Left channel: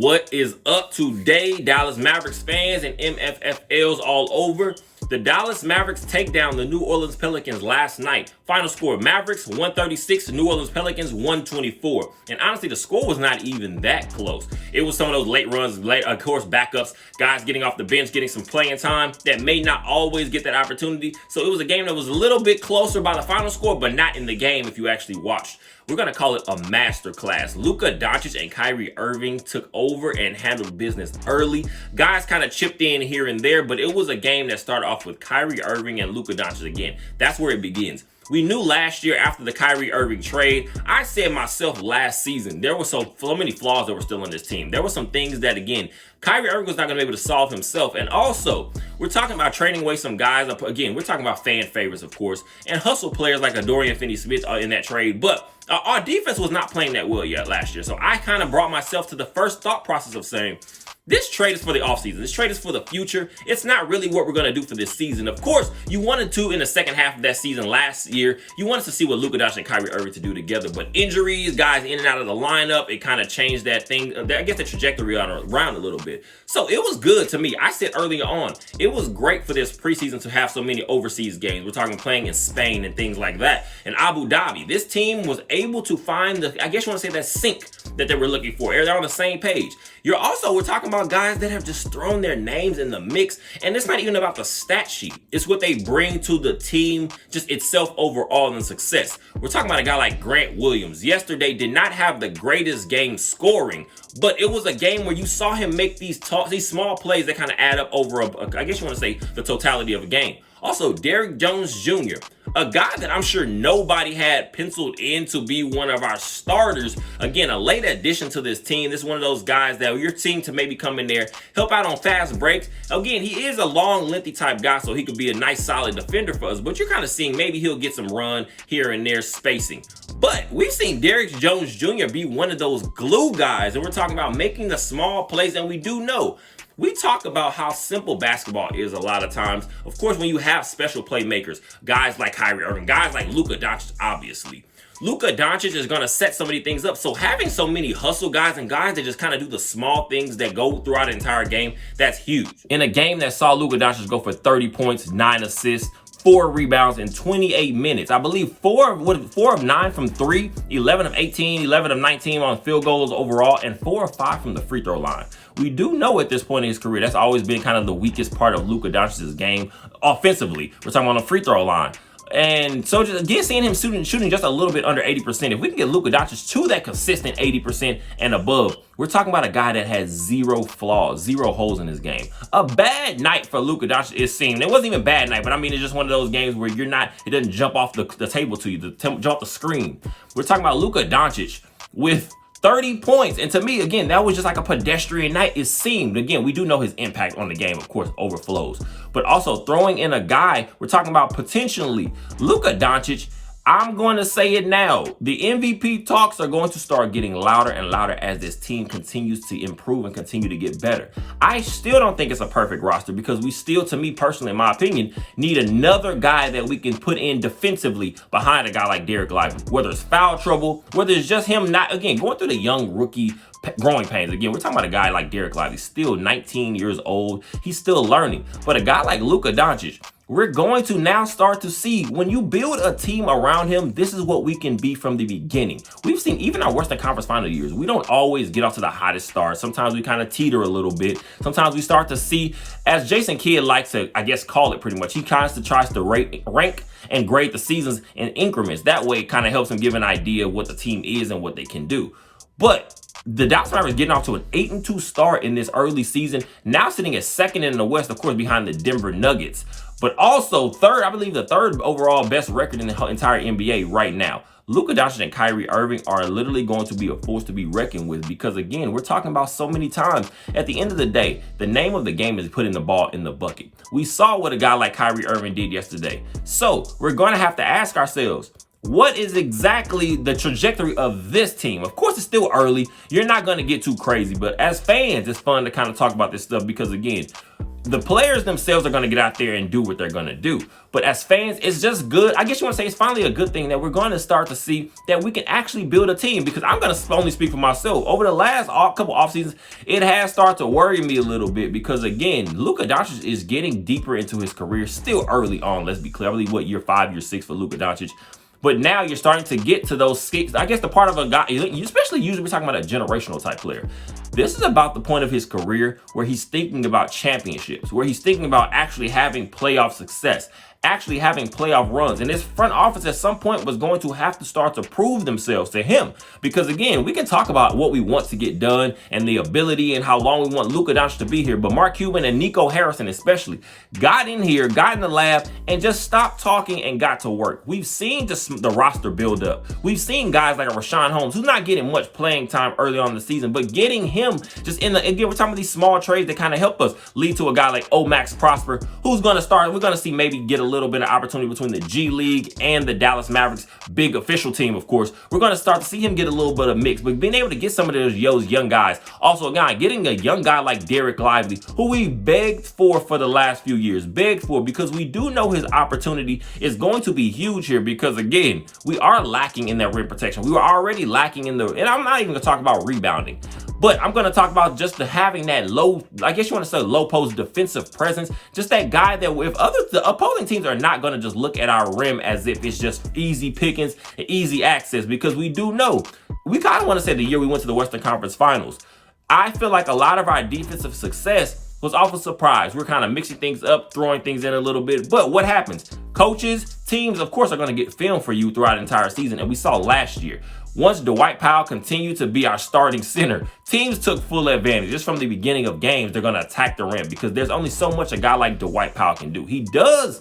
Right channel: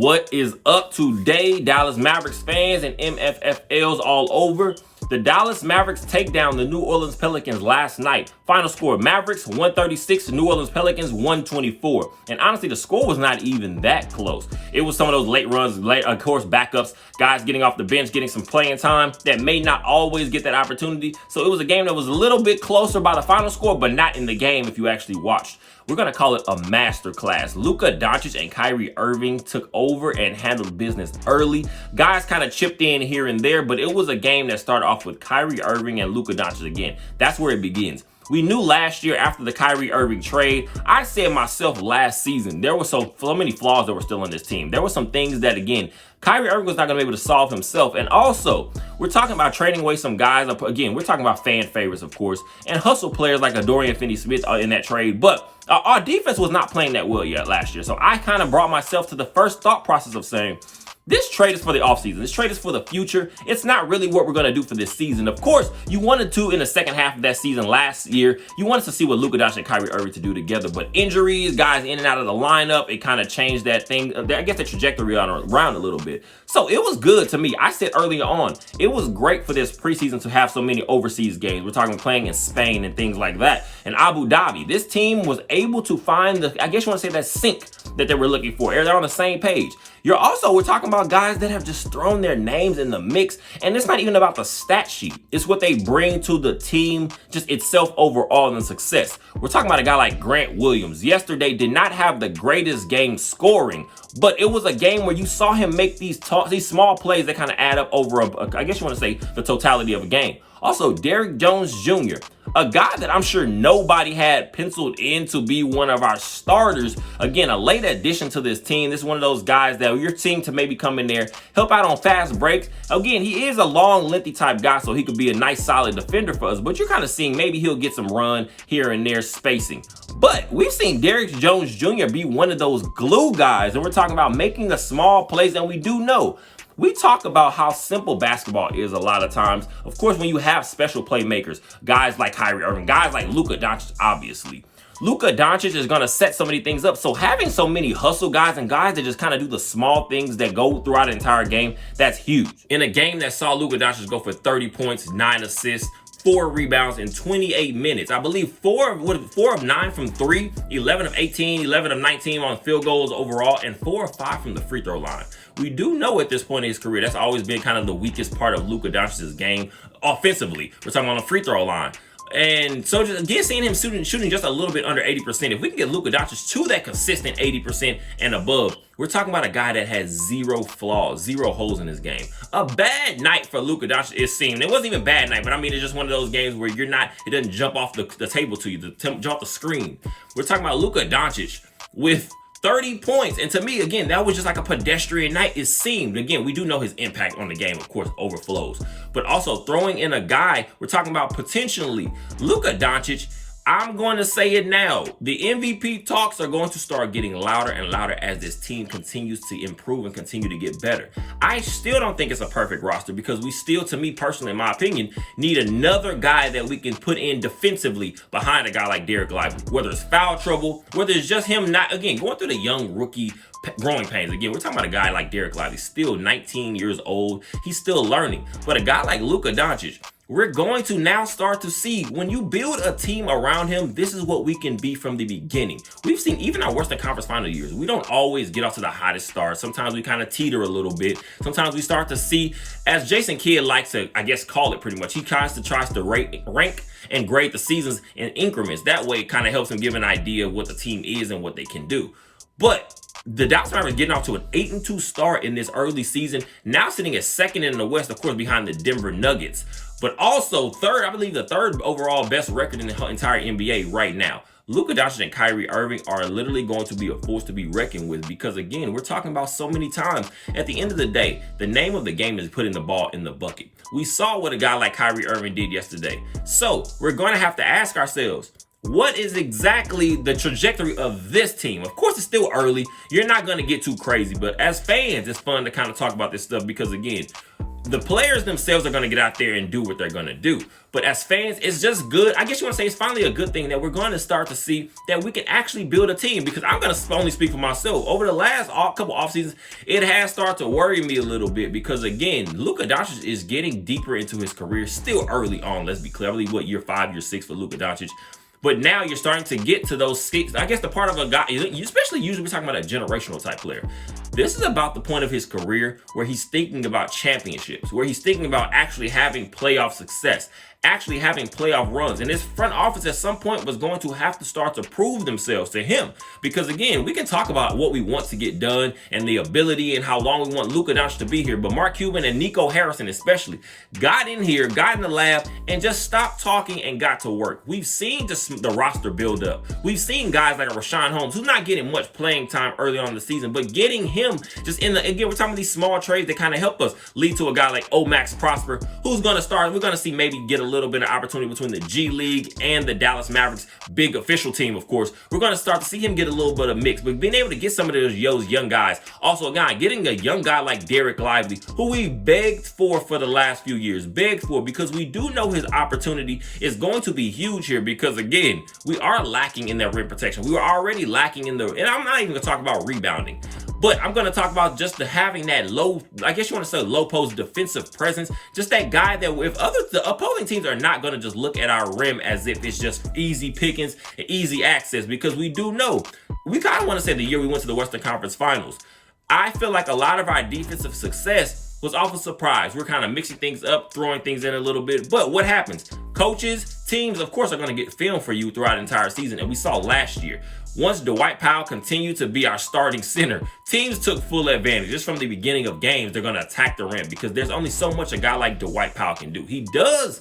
What is up today, Dallas Mavericks fans and MFFLs all over? The Dallas Mavericks take down the New Orleans Pelicans last night. Final score, Mavericks 136, New Orleans Pelicans 124. And honestly, the score was not even that close. It was some of those late runs, of course, backups, guys getting off the bench, getting some playing time that may not always get that opportunity. So it was a game that was a little bit closer by the final score, but not in the game if you actually watched. We're going to call it a masterclass. Luka Doncic and Kyrie Irving took over and handled business early. Guys kind of chipped in here and there, but it was a game that started off with Kyrie Irving and Luka Doncic again. That's where it begins. We knew last year after the Kyrie Irving trade, I said myself last season, there were so many flaws that were still in this team. There were some things that, again, Kyrie Irving was not going to be able to solve himself. And also, we're talking about trading away some guys. Again, we're talking about fan favorites, of course, and hustle players like a Dorian Finney-Smith in that trade. But our defense was not playing that well yet last year. So I kind of brought myself to the first thought process of saying, this trade is for the offseason. This trade is for the future. It's not really what we're going to do for this season. Of course, you wanted to in the second half of that season last year. You wanted to see what Luka Doncic and Kyrie Irving to do together. But injuries, guys in and out of the lineup, it kind of changed that thing. I guess the trajectory around a little bit. So it was good to me. I said earlier on, it was great for this preseason to have so many overseas games. We're talking playing in Spain and things like that. And Abu Dhabi, this team was able to find I guess you want to say that sync that they were looking for. They're on the same page. We're talking about guys that have just thrown their names in the mix. And it's not even about the stat sheet. It's what they bring to the team, just itself overall and success. We're talking about a guy like Grant Williams. Yesterday did not have the greatest game scoring, but it was a game where you saw him make these small plays that kind of add up over, I guess you want to say, the totality of a game. Also, Derrick Jones Jr., a guy that I'm sure nobody had penciled in to be one of our starters. Again, a late addition to this team. This is one of those guys that you're seeing to maybe come in there, help out on fast breaks. Again, he is a long, lengthy type guy, so he could be a nice, solid defender for us. But you're kind of seeing maybe he'll get some run here and there spacing. But we've seen Derrick Jones Jr. be one of those glue guys, and we're talking about making the small plays, and we do know. We talk about how simple basketball is a lot of times. Of course, when you have special playmakers, guys like Kyrie Irving, guys like Luka Doncic, obviously. Luka Doncic is going to set so many things up. So having so many hustle guys and guys that just kind of do the small things that go throughout the entire game, that's huge. In a game that saw Luka Doncic go for 30 points, 9 assists, 4 rebounds in 28 minutes. I believe 4 of 9 from 3, 11 of 18, 11 of 19 on field goals overall, and 4 of 5 from the free throw line. We do know at this point in his career, that's always been kind of the weakest part of Luka Doncic's game offensively. We're talking about the free throw line. And so just again, seeing him shooting just a little bit under 80%, if we can get Luka Doncic to that consistent 80% and above, we're talking about a guy that has 0 flaws, 0 holes in his game. A bad night for Luka Doncic is seen. It wasn't even a bad night, but I mean, it's just one of those games where it doesn't jump off the table to you, jump off the screen. We're talking about Luka Doncic with 30 points. And to me, again, that was just like a pedestrian night. It seemed, again, we do know his impact on the game, of course, overflows. But also throwing in a guy, we're talking about potentially Luka Doncic. I'm going to say it now. The MVP talks are going to start getting louder and louder as this team continues to improve and continue to get better. I still don't think it's a perfect roster because we still, to me personally, in my opinion, need another guy that we can put in defensively behind a guy like Derek Lively. Whether it's foul trouble, whether it's just him not, again, going through the young rookie growing pains. Again, we're talking about a guy like Derek Lively, still 19 years old. He's still learning. But a guy like Luka Doncic, we're going to now start to see when you build a team around him, this is what we can be from the beginning. We've seen even our Western Conference final years, we don't always get off to the hottest start. Sometimes we kind of teeter a little bit. Sometimes we start to see, as Jason Kidd likes to, I guess, call it pretty much, he tries to rank and grade the seasons in increments. That way it kind of helps him give an idea of what the team is and what they can do. But the Dallas Mavericks getting off to an 8-2 start in this early season, now sitting at second in the West, of course, behind the Denver Nuggets. But also third, I believe the third overall best record in the entire NBA right now. Luka Doncic and Kyrie Irving are literally going to be a force to be reckoned with because, again, we're talking about so many times. At the end of the day, the name of the game is putting the ball in the bucket. We saw what a guy like Kyrie Irving did yesterday. So we're going to have to ask ourselves, what is exactly the trajectory of this team? Of course, it's still early. You're not going to get too crazy, but as fans, it's fun to kind of talk about this stuff because, again, The players themselves are going to get out there and do what they're going to do. But as fans, it's just good. I guess you want to say it's finally a good thing that we're going to start to see that we can actually build a team, because I'm going to only speak for myself. Over the last couple off seasons, it has started to worry me a little bit because, again, Luka Doncic is getting deeper into his career, still early on. Let's be clear. I believe, year 5, year 6 for Luka Doncic. But now you're starting to get to those skills. I guess the part of a guy, especially usually we're talking about a generational type player. This is about the point of his career where he's thinking about championships, where he's thinking about actually having playoff success, actually having playoff runs. And this front office at some point was going to have to start to prove themselves to him. Because again, we can talk about what we want to get done and the ability and how long we want Luka Doncic to be here. But Mark Cuban and Nico Harrison especially got in here, got in the lab, and just stopped talking and got to work. We've seen just the roster build up. We've seen guys like a Rashawn Holmes, who's not getting much playing time early on in the season, but getting him just in the, again, we're talking about these small trades that kind of help us lead to a guy like Max Prosper, who's going to start, we're going to see maybe get a little bit of opportunity between the G League and the Dallas Mavericks, big official team, of course. We're going to start to see him get a little bit of mix, but being able to get some of those young guys. Also, again, getting a young guy like Derek Lively, who we begged for the last few years, because we do know his opportunity is going to be huge here, because again, we are lacking in that rim protection. We were already lacking in and I'm not even going to talk about rebounding, but I'm going to talk about just having that low, I guess you want to say low post defensive presence, just that guy that if the opposing teams are not going to just look at our rim as if it's just easy pickings and easy access, because we do know, we kind of want to say the year we went to the Western Conference Finals, I feel like a lot of our defensive success was off a surprise. We're kind of mixing things up, throwing things in a little bit, but what happens? Coaches, teams, of course, are going to get film for you throughout the entire season, and we saw last year. Once Dwight Powell continued to be our starting center, teams took full advantage. Just from the beginning of games, they're going to attack the rim, because there's only so much a guy like Dwight Powell can do. He does,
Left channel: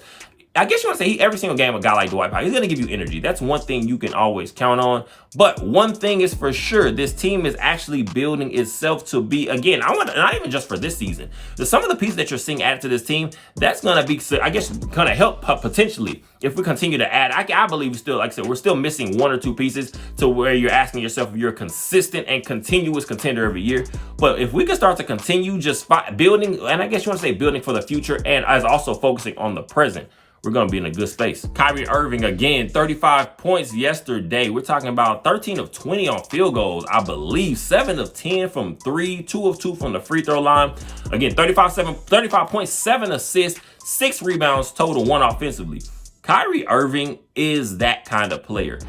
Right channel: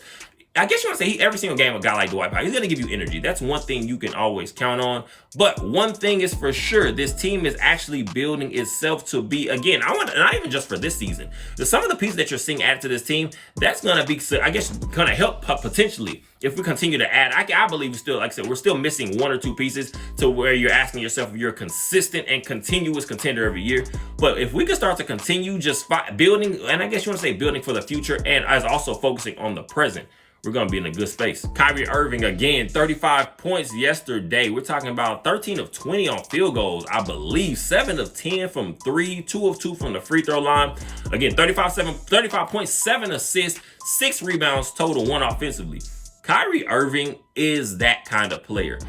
I guess you want to say, every single game a guy like Dwight Powell, he's going to give you energy. That's one thing you can always count on. But one thing is for sure, this team is actually building itself to be, again, not even just for this season, some of the pieces that you're seeing added to this team, that's going to be, I guess, going to help potentially if we continue to add. I believe still, like I said, we're still missing 1 or 2 pieces to where you're asking yourself if you're a consistent and continuous contender every year. But if we can start to continue just building, and I guess you want to say building for the future, and as also focusing on the present, we're going to be in a good space. Kyrie Irving, again, 35 points yesterday. We're talking about 13 of 20 on field goals, I believe. 7 of 10 from 3, 2 of 2 from the free throw line. Again, 35.7 assists, 6 rebounds total, 1 offensively. Kyrie Irving is that kind of player.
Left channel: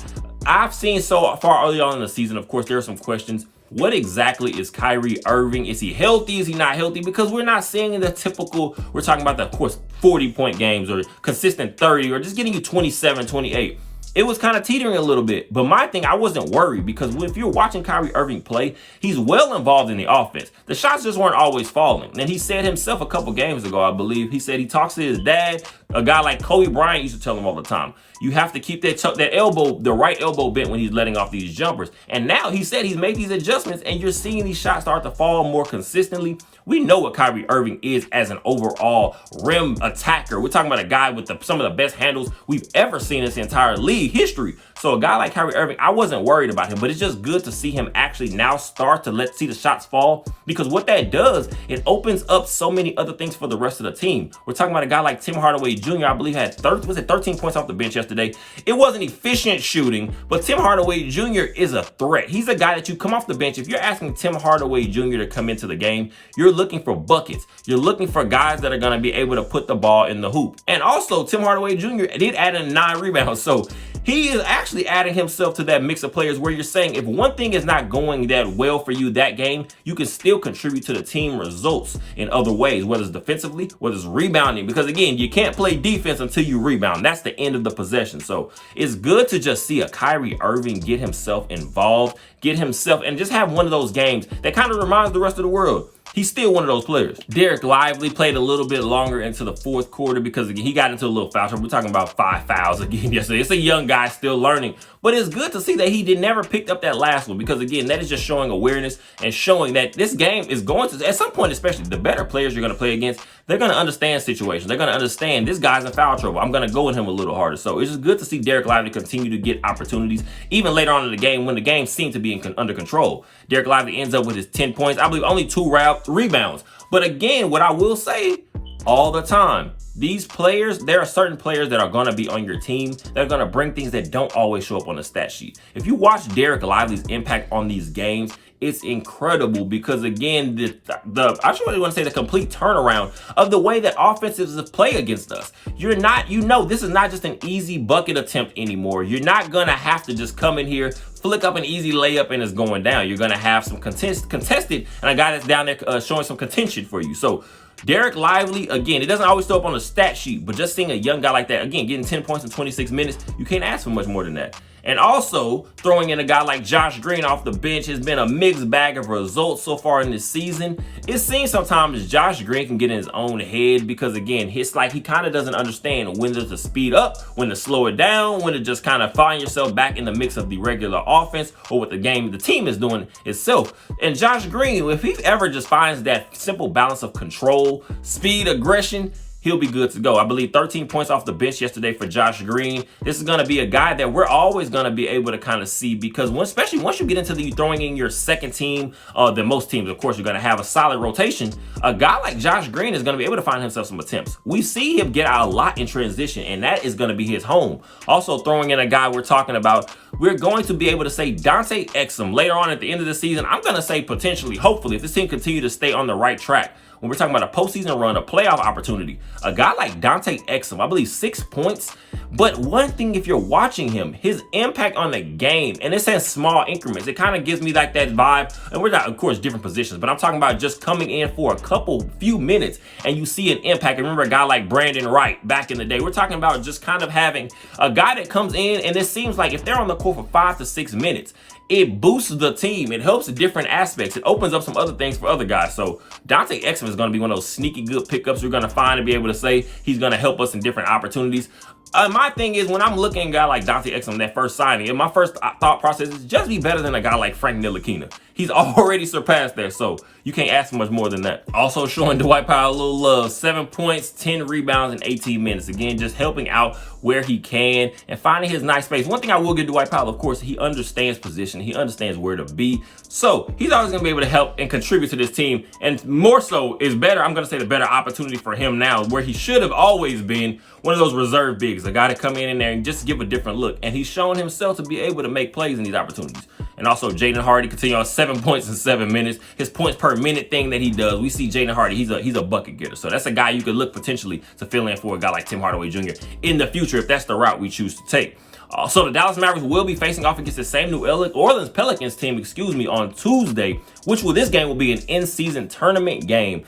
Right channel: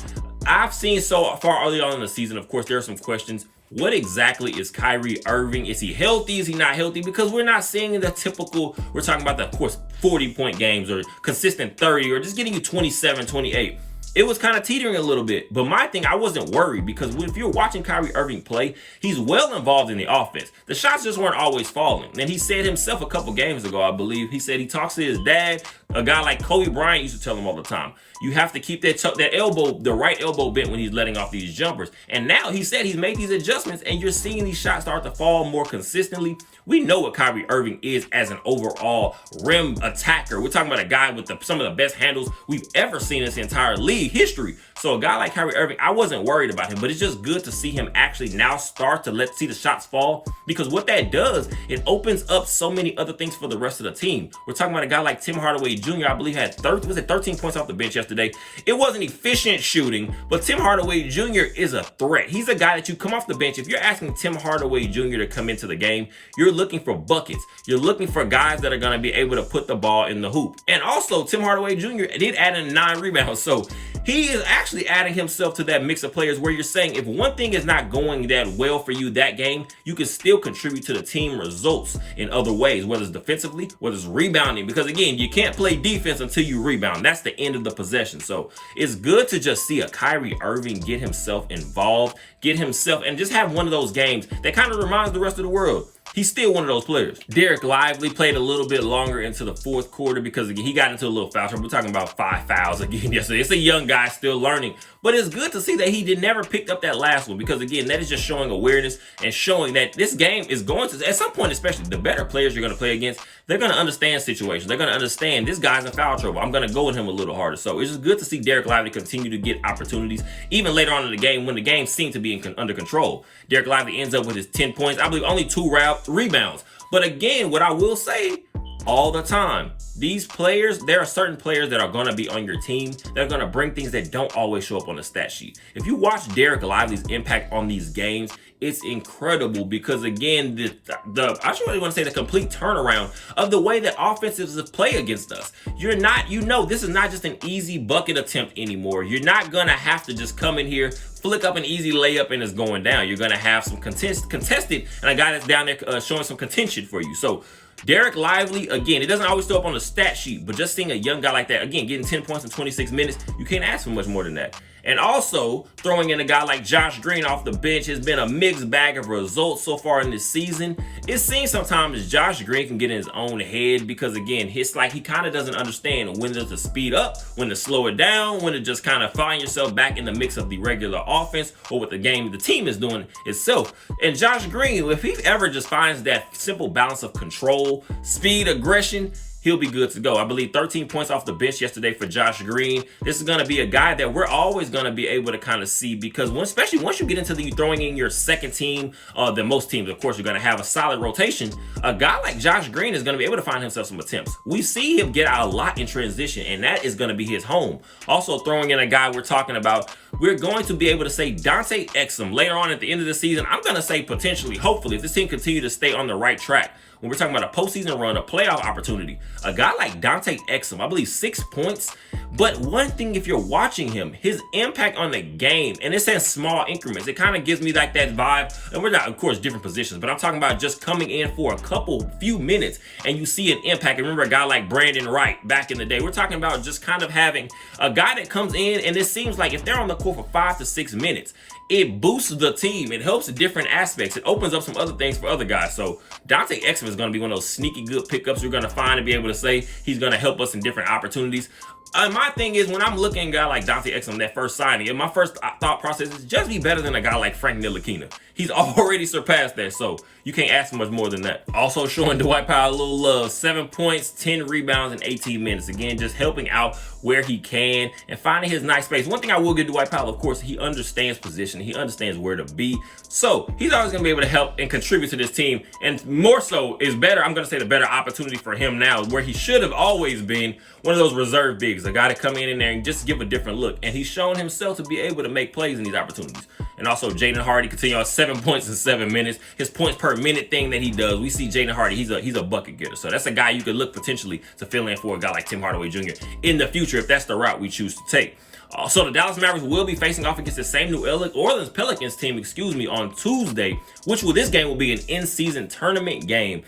I've seen so far early on in the season, of course, there are some questions. What exactly is Kyrie Irving? Is he healthy? Is he not healthy? Because we're not seeing the typical, we're talking about the, of course, 40-point games or consistent 30 or just getting you 27, 28. It was kind of teetering a little bit. But my thing, I wasn't worried, because if you're watching Kyrie Irving play, he's well involved in the offense. The shots just weren't always falling. And he said himself a couple games ago, I believe, he said he talks to his dad. A guy like Kobe Bryant used to tell him all the time, you have to keep that elbow, the right elbow bent when he's letting off these jumpers. And now he said he's made these adjustments, and you're seeing these shots start to fall more consistently. We know what Kyrie Irving is as an overall rim attacker. We're talking about a guy with some of the best handles we've ever seen in this entire league history. So a guy like Kyrie Irving, I wasn't worried about him, but it's just good to see him actually now start to see the shots fall, because what that does, it opens up so many other things for the rest of the team. We're talking about a guy like Tim Hardaway Jr., I believe had 13 points off the bench yesterday. It wasn't efficient shooting, but Tim Hardaway Jr. is a threat. He's a guy that you come off the bench. If you're asking Tim Hardaway Jr. to come into the game, you're looking for buckets. You're looking for guys that are going to be able to put the ball in the hoop. And also, Tim Hardaway Jr. did add in 9 rebounds. So he is actually adding himself to that mix of players where you're saying if one thing is not going that well for you that game, you can still contribute to the team results in other ways, whether it's defensively, whether it's rebounding, because again, you can't play defense until you rebound. That's the end of the possession. So it's good to just see a Kyrie Irving get himself involved, and just have one of those games that kind of reminds the rest of the world he's still one of those players. Derek Lively played a little bit longer into the fourth quarter because again, he got into a little foul trouble. We're talking about 5 fouls again yesterday. It's a young guy still learning, but it's good to see that he never picked up that last one, because again, that is just showing awareness and showing that this game is going to, at some point, especially the better players you're going to play against, they're going to understand situations. They're going to understand this guy's in foul trouble. I'm going to go with him a little harder. So it's just good to see Derek Lively continue to get opportunities, even later on in the game when the game seemed to be under control. Derek Lively ends up with his 10 points. I believe only 2 rebounds. But again, what I will say all the time, these players, there are certain players that are going to be on your team that are going to bring things that don't always show up on the stat sheet. If you watch Derek Lively's impact on these games, it's incredible because, again, I just really want to say the complete turnaround of the way that offenses play against us. You're not, this is not just an easy bucket attempt anymore. You're not going to have to just come in here, flick up an easy layup, and it's going down. You're going to have some contested, and a guy that's down there showing some contention for you. So Derek Lively, again, it doesn't always show up on the stat sheet, but just seeing a young guy like that, again, getting 10 points in 26 minutes, you can't ask for much more than that. And also, throwing in a guy like Josh Green off the bench has been a mixed bag of results so far in this season. It seems sometimes Josh Green can get in his own head because, again, it's like he kind of doesn't understand when to speed up, when to slow it down, when to just kind of find yourself back in the mix of the regular offense or what the team is doing itself. And Josh Green, if he ever just finds that simple balance of control, speed, aggression, he'll be good to go. I believe 13 points off the bench yesterday for Josh Green. This is going to be a guy that we're always going to be able to kind of see because especially once you get into the throwing in your second team, than most teams, of course, you're going to have a solid rotation. A guy like Josh Green is going to be able to find himself some attempts. We see him get out a lot in transition, and that is going to be his home. Also throwing in a guy we're talking about, we're going to be able to say Dante Exum later on at the end of the season. I'm going to say potentially, hopefully, if this team continue to stay on the right track, when we're talking about a postseason run, a playoff opportunity, a guy like Dante Exum, I believe 6 points. But one thing, if you're watching him, his impact on the game, and it's in small increments, it kind of gives me like that vibe. And we're not, of course, different positions, but I'm talking about just coming in for a few minutes and you see an impact. And remember a guy like Brandon Wright back in the day. We're talking about just kind of having a guy that comes in, and it seems like if they're on the court for 5 to 6 minutes, it boosts the team. It helps different aspects. It opens up some other things for other guys. So Dante Exum is going to be one of those sneaky good pickups you're going to find and be able to say he's going to help us in different opportunities. My thing is, when I'm looking at a guy like Dante Exum, that first signing, and my first thought process is just be better than a guy like Frank Ntilikina. He's already surpassed that, so you can't ask for much more than that. Also showing Dwight Powell a little love, 7 points, 10 rebounds in 18 minutes. Again, just helping out where he can and finding his nice space. One thing I will give Dwight Powell, of course, he understands position. He understands where to be. So he's always going to be able to help and contribute to this team. And more so is better, I'm going to say the better opportunity for him now, where he should have always been one of those reserve bigs, a guy to come in there and just give a different look. And he's shown himself to be able to make plays in these opportunities. And also Jaden Hardy continue on 7 points in 7 minutes. His points per minute thing that he does, we see Jaden Hardy, he's a bucket getter. So that's a guy you could look potentially to fill in for a guy like Tim Hardaway Jr. in the future if that's the route we choose to take. So the Dallas Mavericks will be facing off against the same New Orleans Pelicans team, on Tuesday, this game will be an in-season tournament game.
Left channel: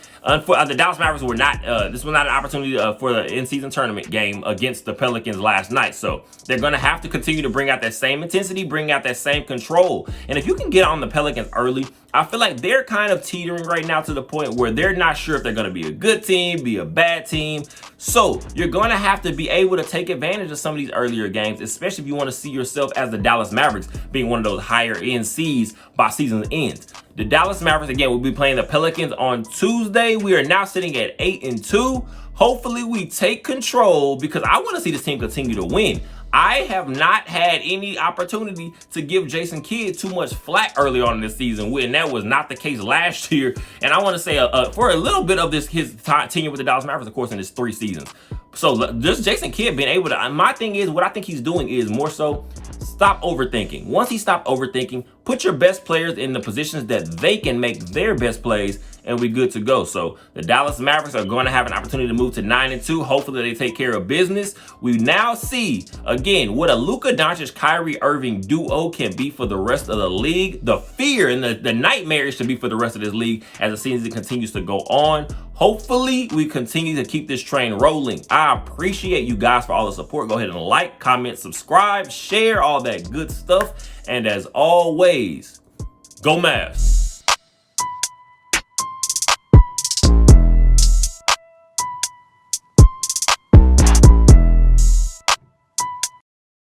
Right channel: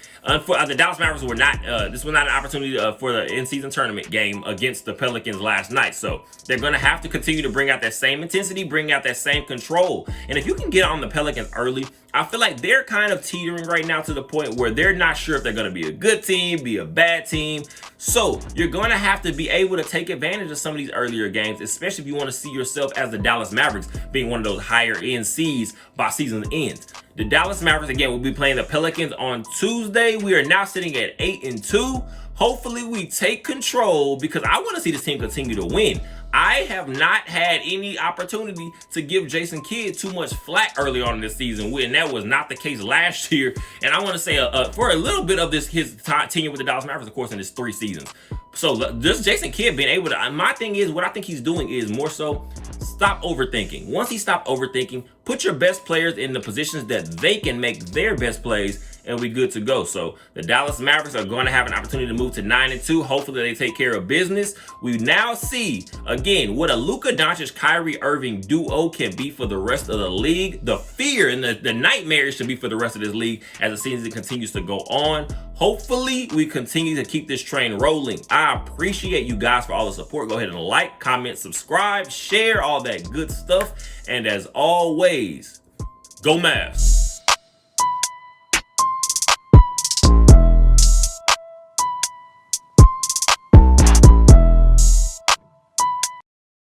For the Dallas Mavericks were not, this was not an opportunity for the in-season tournament game against the Pelicans last night. So they're going to have to continue to bring out that same intensity, bring out that same control. And if you can get on the Pelicans early, I feel like they're kind of teetering right now to the point where they're not sure if they're going to be a good team, be a bad team. So you're going to have to be able to take advantage of some of these earlier games, especially if you want to see yourself as the Dallas Mavericks being one of those higher end seeds by season's end. The Dallas Mavericks, again, will be playing the Pelicans on Tuesday. We are now sitting at 8-2. Hopefully we take control because I want to see this team continue to win. I have not had any opportunity to give Jason Kidd too much flack early on in this season, and that was not the case last year. And I want to say for a little bit of his tenure with the Dallas Mavericks, of course, in his 3 seasons. So this Jason Kidd being able to, my thing is, what I think he's doing is more so stop overthinking. Once he stopped overthinking, put your best players in the positions that they can make their best plays, and we good to go. So the Dallas Mavericks are going to have an opportunity to move to 9-2. Hopefully they take care of business. We now see, again, what a Luka Doncic, Kyrie Irving duo can be for the rest of the league. The fear and the nightmare it should be for the rest of this league as the season continues to go on. Hopefully we continue to keep this train rolling. I appreciate you guys for all the support. Go ahead and like, comment, subscribe, share, all that good stuff. And as always, go Mavs.